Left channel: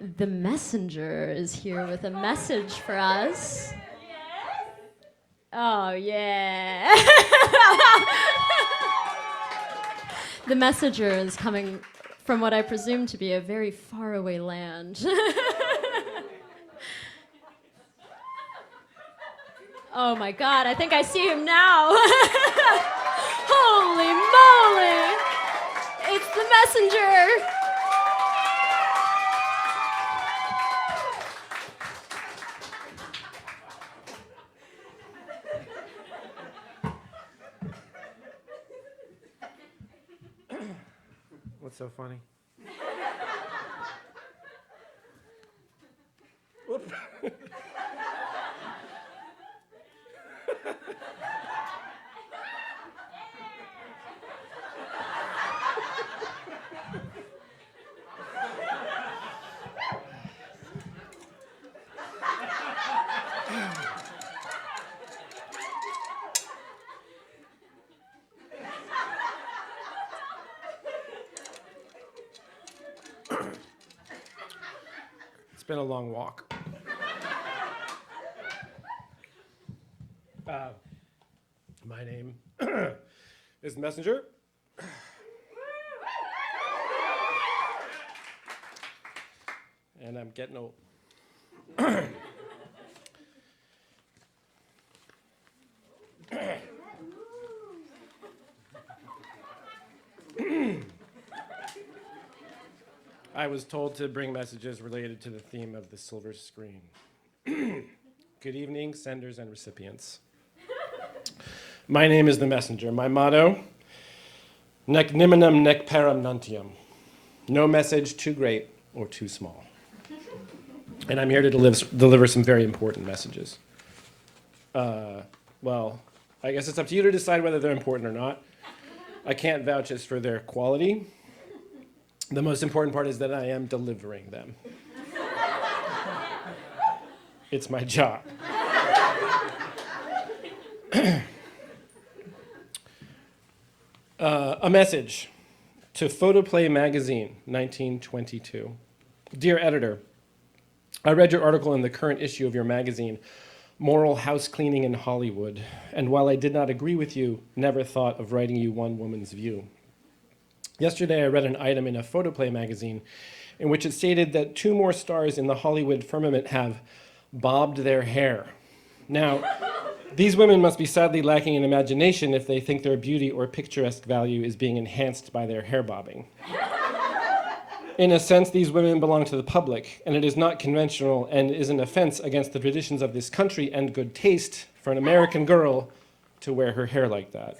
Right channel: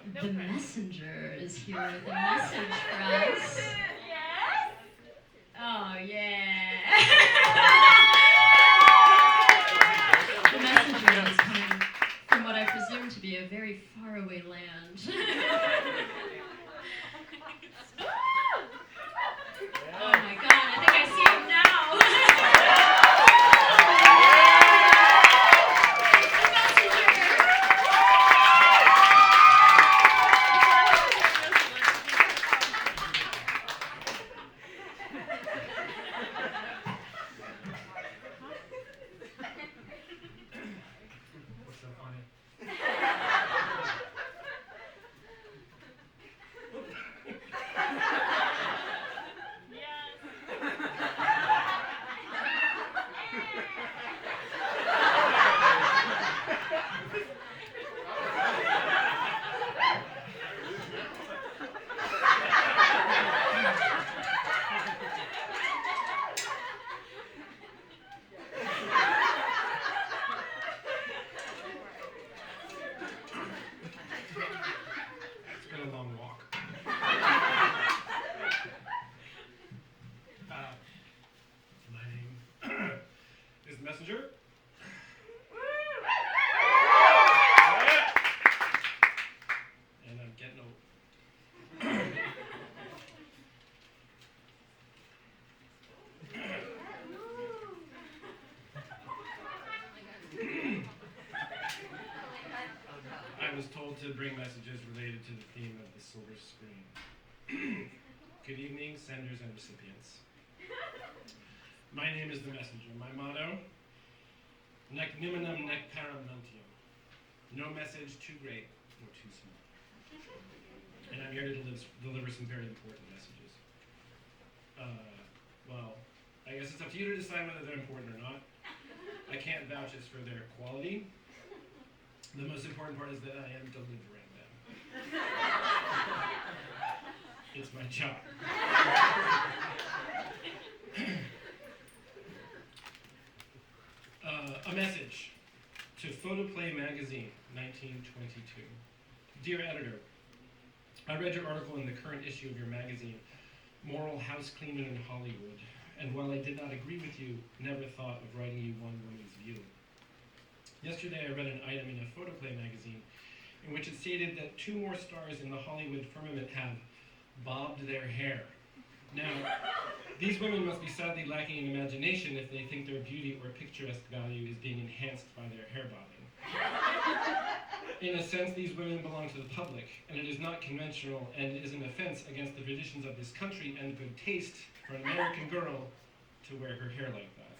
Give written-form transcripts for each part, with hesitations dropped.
The messenger is here with a message for us. Oh, yeah. The messenger is coming from what I presume to be a very faraway land. Oh my God, I think I see him now. Holy moly! It's the messenger! What's so funny? It's been a long walk. My name is Messenger. And I'm getting old. I was told to bring messages related to the theme of the silver screen. Good evening, senders and recipients. My name is the messenger. My motto, nec niminem nec param nuntium. No message too great or too small. And I'm here to deliver some very important messages. Well, I guess it's up to you to decide whether they're important or not. I can't vouch as for their quality. The most important part is that I am delivering them. It's my job. A message to Photoplay Magazine, 1922. Dear editor, I read your article in the current issue of your magazine, Moral House Cleaning in Hollywood, and while I did not agree with you, never thought of writing you one woman's view. Yesterday, I read an item in a Photoplay magazine in which it stated that 2 more stars in the Hollywood firmament have bobbed their hair. Now, these women must be sadly lacking in imagination if they think their beauty or picturesque value is being enhanced by their hair bobbing. In a sense, these women belong to the public, and it is not conventional and is an offense against the traditions of this country and good taste for an American girl to wear her hair like that.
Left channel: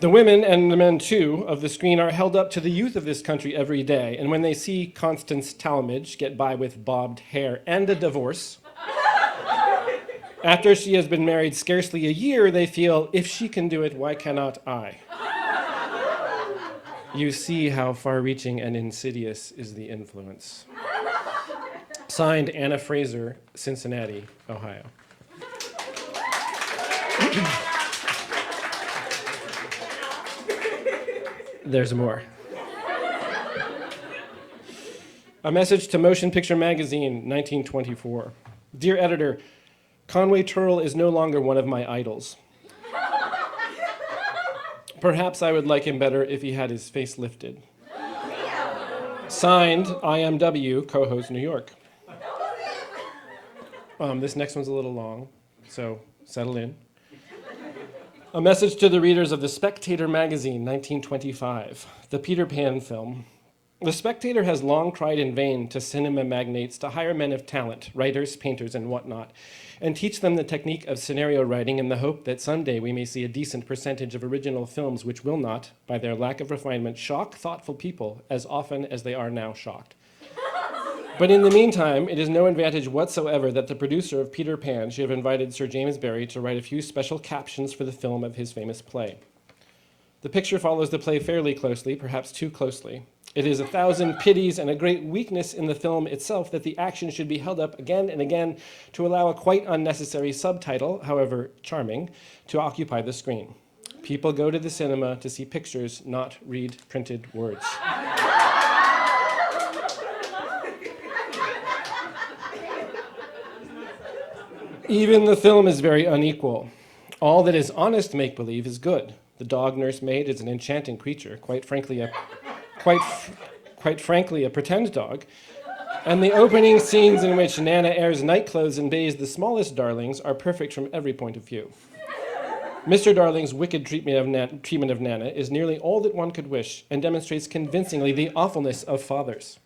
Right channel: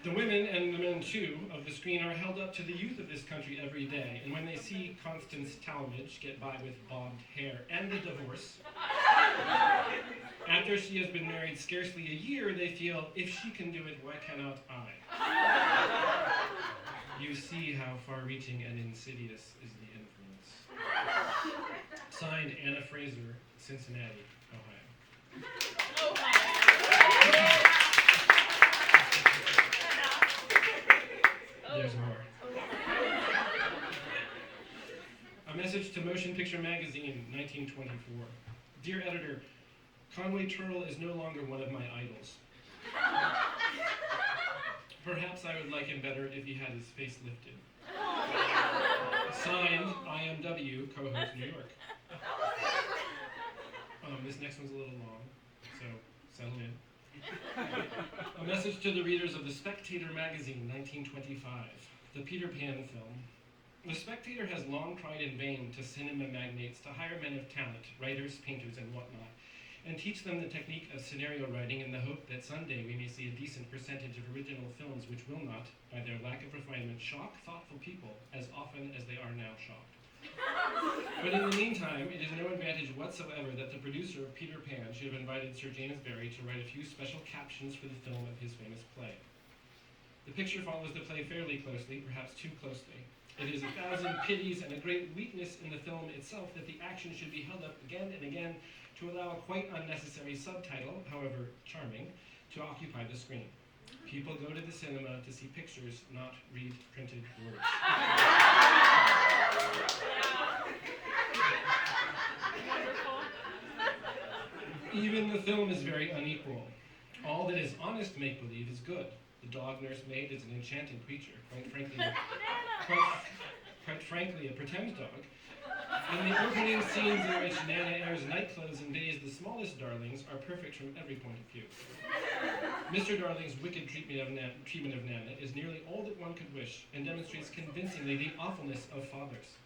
The women, and the men too, of the screen are held up to the youth of this country every day, and when they see Constance Talmadge get by with bobbed hair and a divorce, after she has been married scarcely a year, they feel, if she can do it, why cannot I? You see how far-reaching and insidious is the influence. Signed, Anna Fraser, Cincinnati, Ohio. There's more. A message to Motion Picture Magazine, 1924. Dear editor, Conway Turrell is no longer one of my idols. Perhaps I would like him better if he had his face lifted. Signed, IMW, co-host New York. This next one's a little long, so settle in. A message to the readers of The Spectator magazine, 1925, the Peter Pan film. The Spectator has long cried in vain to cinema magnates to hire men of talent, writers, painters, and whatnot, and teach them the technique of scenario writing in the hope that someday we may see a decent percentage of original films which will not, by their lack of refinement, shock thoughtful people as often as they are now shocked. But in the meantime, it is no advantage whatsoever that the producer of Peter Pan should have invited Sir James Barrie to write a few special captions for the film of his famous play. The picture follows the play fairly closely, perhaps too closely. It is 1,000 pities and a great weakness in the film itself that the action should be held up again and again to allow a quite unnecessary subtitle, however charming, to occupy the screen. People go to the cinema to see pictures, not read printed words. Even the film is very unequal. All that is honest make-believe is good. The dog nursemaid is an enchanting creature, quite frankly a pretend dog. And the opening scenes in which Nana airs nightclothes and bathes the smallest darlings are perfect from every point of view. Mr. Darling's wicked treatment of Nana is nearly all that one could wish and demonstrates convincingly the awfulness of fathers.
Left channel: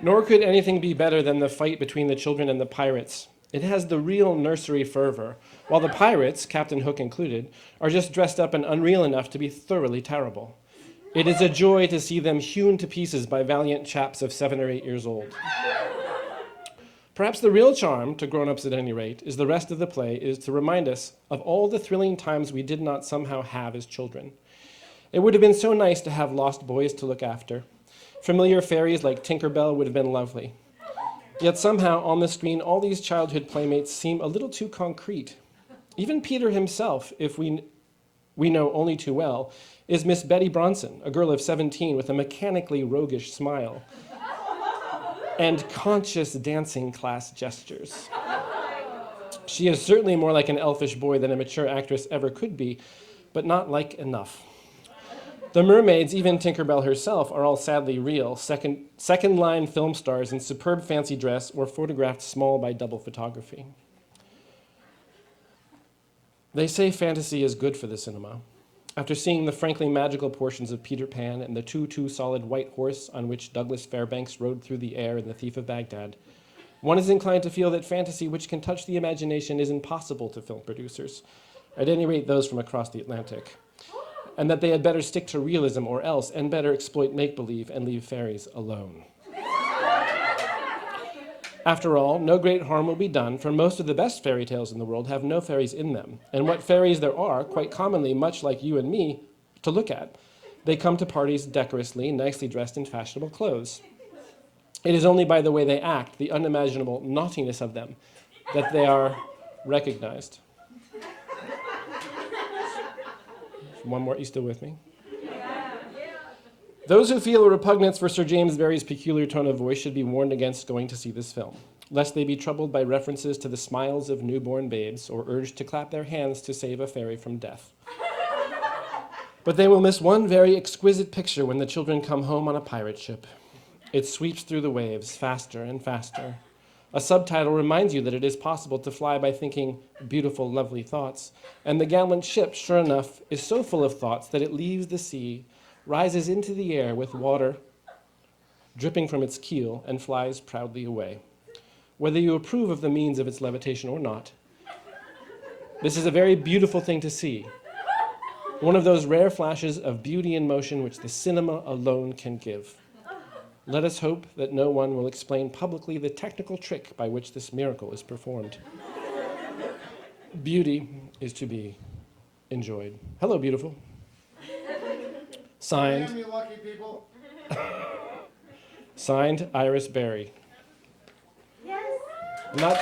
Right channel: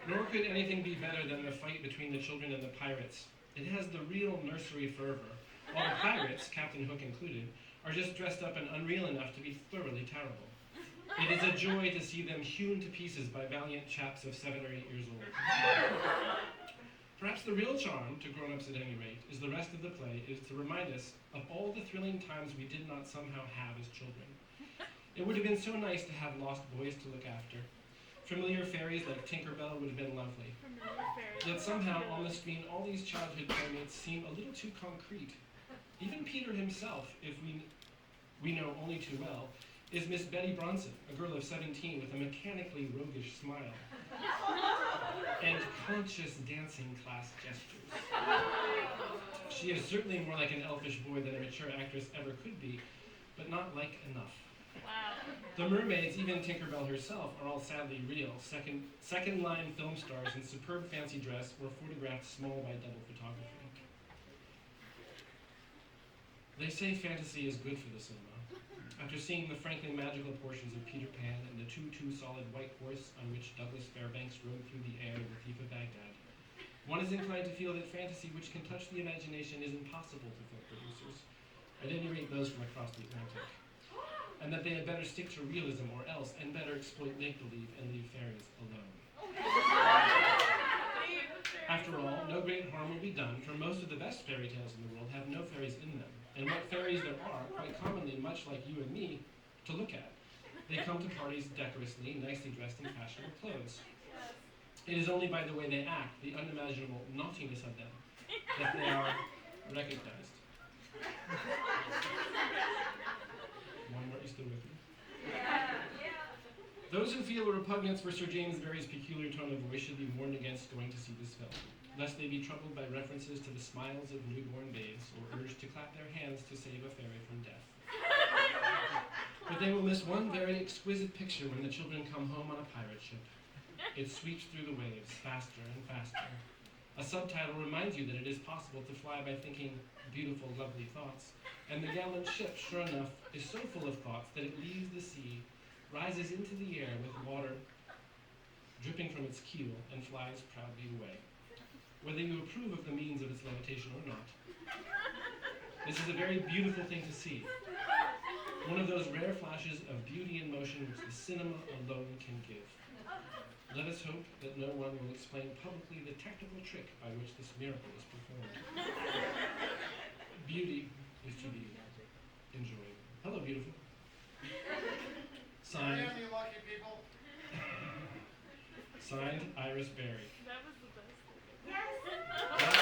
Nor could anything be better than the fight between the children and the pirates. It has the real nursery fervor, while the pirates, Captain Hook included, are just dressed up and unreal enough to be thoroughly terrible. It is a joy to see them hewn to pieces by valiant chaps of 7 or 8 years old. Perhaps the real charm, to grown-ups at any rate, is the rest of the play is to remind us of all the thrilling times we did not somehow have as children. It would have been so nice to have lost boys to look after. Familiar fairies like Tinker Bell would have been lovely. Yet somehow on the screen, all these childhood playmates seem a little too concrete. Even Peter himself, if we know only too well, is Miss Betty Bronson, a girl of 17 with a mechanically roguish smile and conscious dancing class gestures. She is certainly more like an elfish boy than a mature actress ever could be, but not like enough. The mermaids, even Tinkerbell herself, are all sadly real, second-line film stars in superb fancy dress or photographed small by double photography. They say fantasy is good for the cinema. After seeing the frankly magical portions of Peter Pan and the too-solid white horse on which Douglas Fairbanks rode through the air in The Thief of Baghdad, one is inclined to feel that fantasy which can touch the imagination is impossible to film producers, at any rate those from across the Atlantic, and that they had better stick to realism or else, and better exploit make-believe and leave fairies alone. After all, no great harm will be done, for most of the best fairy tales in the world have no fairies in them, and what fairies there are, quite commonly, much like you and me, to look at. They come to parties decorously, nicely dressed in fashionable clothes. It is only by the way they act, the unimaginable naughtiness of them, that they are recognized. One more, you still with me? Those who feel a repugnance for Sir James Barrie's peculiar tone of voice should be warned against going to see this film, lest they be troubled by references to the smiles of newborn babes or urged to clap their hands to save a fairy from death. But they will miss one very exquisite picture when the children come home on a pirate ship. It sweeps through the waves faster and faster. A subtitle reminds you that it is possible to fly by thinking beautiful, lovely thoughts, and the gallant ship, sure enough, is so full of thoughts that it leaves the sea, rises into the air with water dripping from its keel, and flies proudly away. Whether you approve of the means of its levitation or not, this is a very beautiful thing to see. One of those rare flashes of beauty in motion which the cinema alone can give. Let us hope that no one will explain publicly the technical trick by which this miracle is performed. Beauty is to be enjoyed. Hello, beautiful. Signed, Damn you lucky people. signed Iris Berry. Yes. Not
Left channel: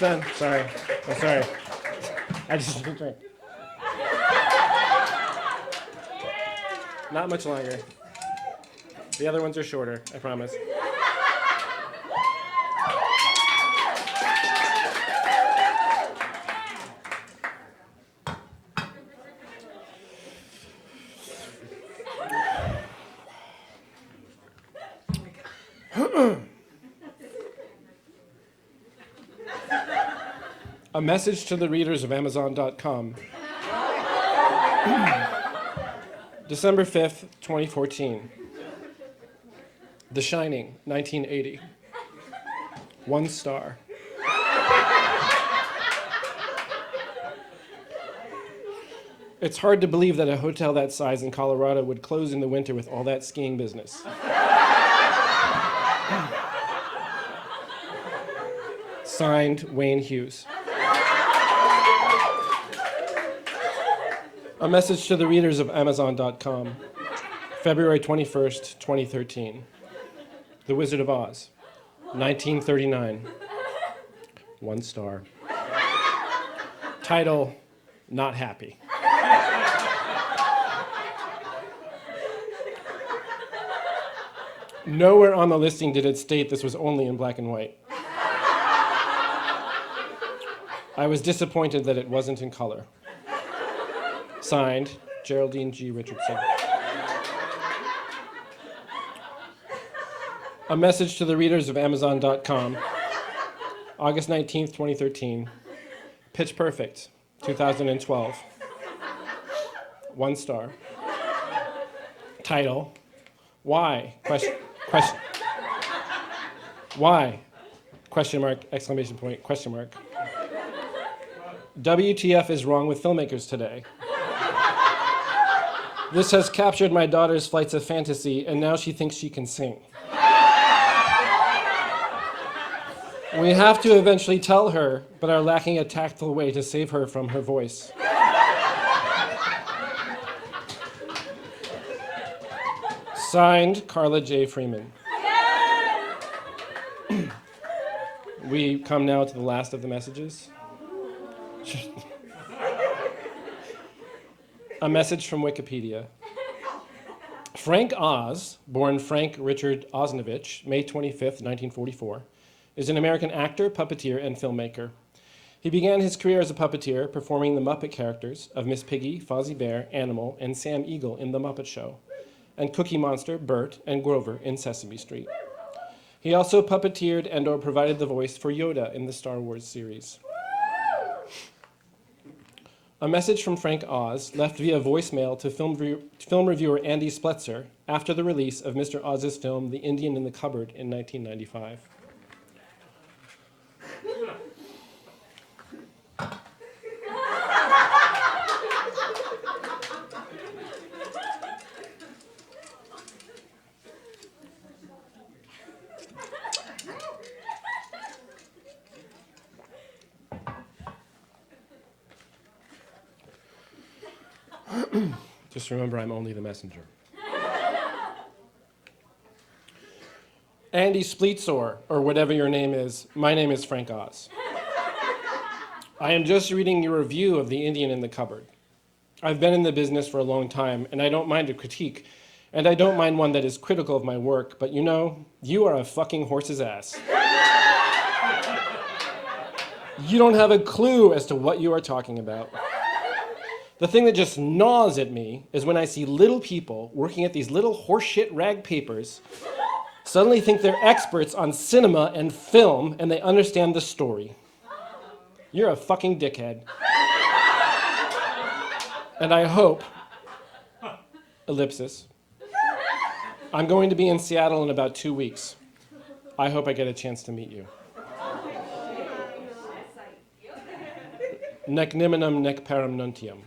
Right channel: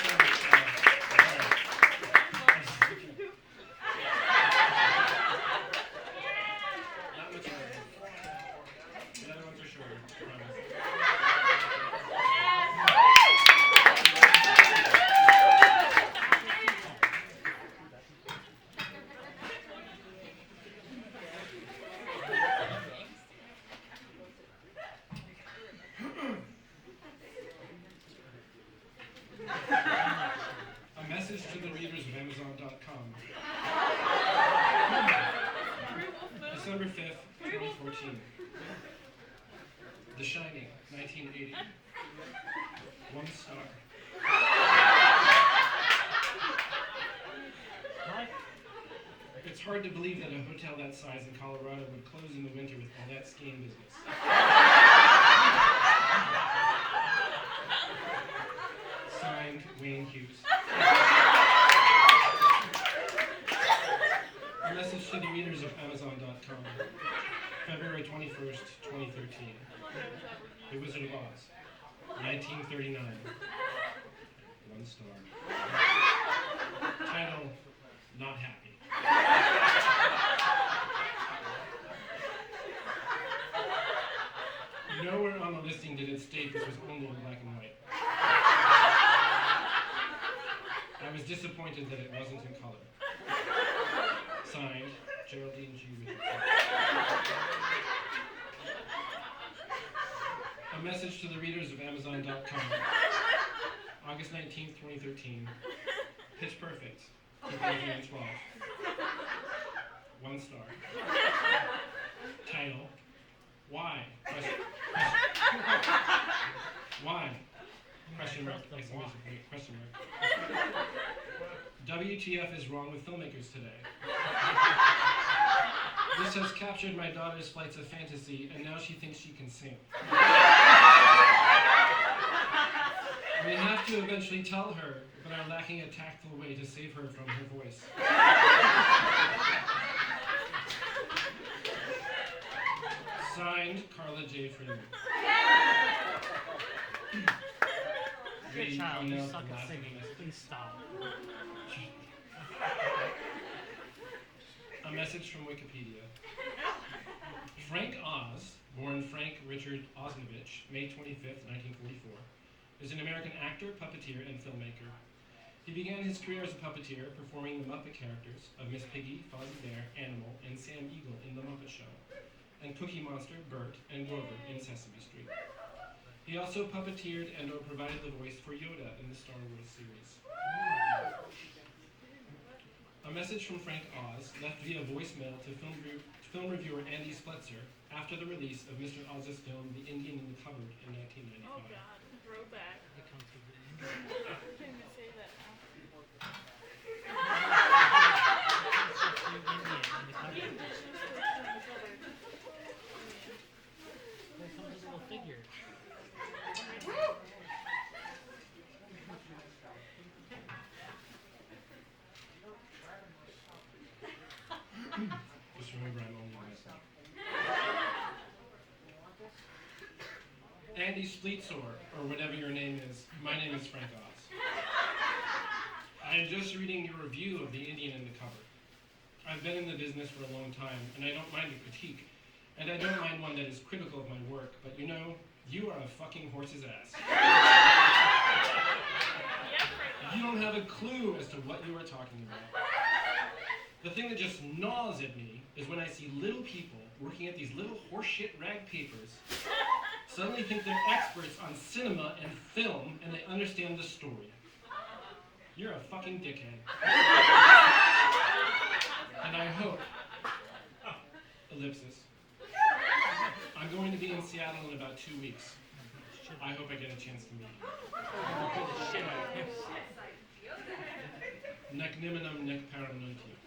done. Sorry. I'm sorry. I just okay. Not much longer. The other ones are shorter, I promise. A message to the readers of Amazon.com. December 5th, 2014. The Shining, 1980. 1 star. It's hard to believe that a hotel that size in Colorado would close in the winter with all that skiing business. Signed, Wayne Hughes. A message to the readers of Amazon.com. February 21st, 2013. The Wizard of Oz, 1939. 1 star. Title, Not Happy. Nowhere on the listing did it state this was only in black and white. I was disappointed that it wasn't in color. Signed, Geraldine G. Richardson. A message to the readers of Amazon.com, August 19th, 2013. Pitch Perfect, 2012. 1 star. Title, Why? Why? Question mark, exclamation point, question mark. WTF is wrong with filmmakers today? This has captured my daughter's flights of fantasy, and now she thinks she can sing. We have to eventually tell her, but are lacking a tactful way to save her from her voice. Signed, Carla J. Freeman. We come now to the last of the messages. A message from Wikipedia. Frank Oz, born Frank Richard Osnovich, May 25th, 1944, is an American actor, puppeteer, and filmmaker. He began his career as a puppeteer, performing the Muppet characters of Miss Piggy, Fozzie Bear, Animal, and Sam Eagle in The Muppet Show, and Cookie Monster, Bert, and Grover in Sesame Street. He also puppeteered and/or provided the voice for Yoda in the Star Wars series. A message from Frank Oz, left via voicemail to film reviewer Andy Spletzer after the release of Mr. Oz's film The Indian in the Cupboard in 1995. Just remember, I'm only the messenger. Andy Spletzer, or whatever your name is, my name is Frank Oz. I am just reading your review of The Indian in the Cupboard. I've been in the business for a long time, and I don't mind a critique, and I don't mind one that is critical of my work, but you know, you are a fucking horse's ass. You don't have a clue as to what you are talking about. The thing that just gnaws at me is when I see little people working at these little horseshit rag papers suddenly think they're experts on cinema and film and they understand the story. You're a fucking dickhead. And I hope, ellipsis, I'm going to be in Seattle in about 2 weeks. I hope I get a chance to meet you. Nec nimminum nec param nuntium.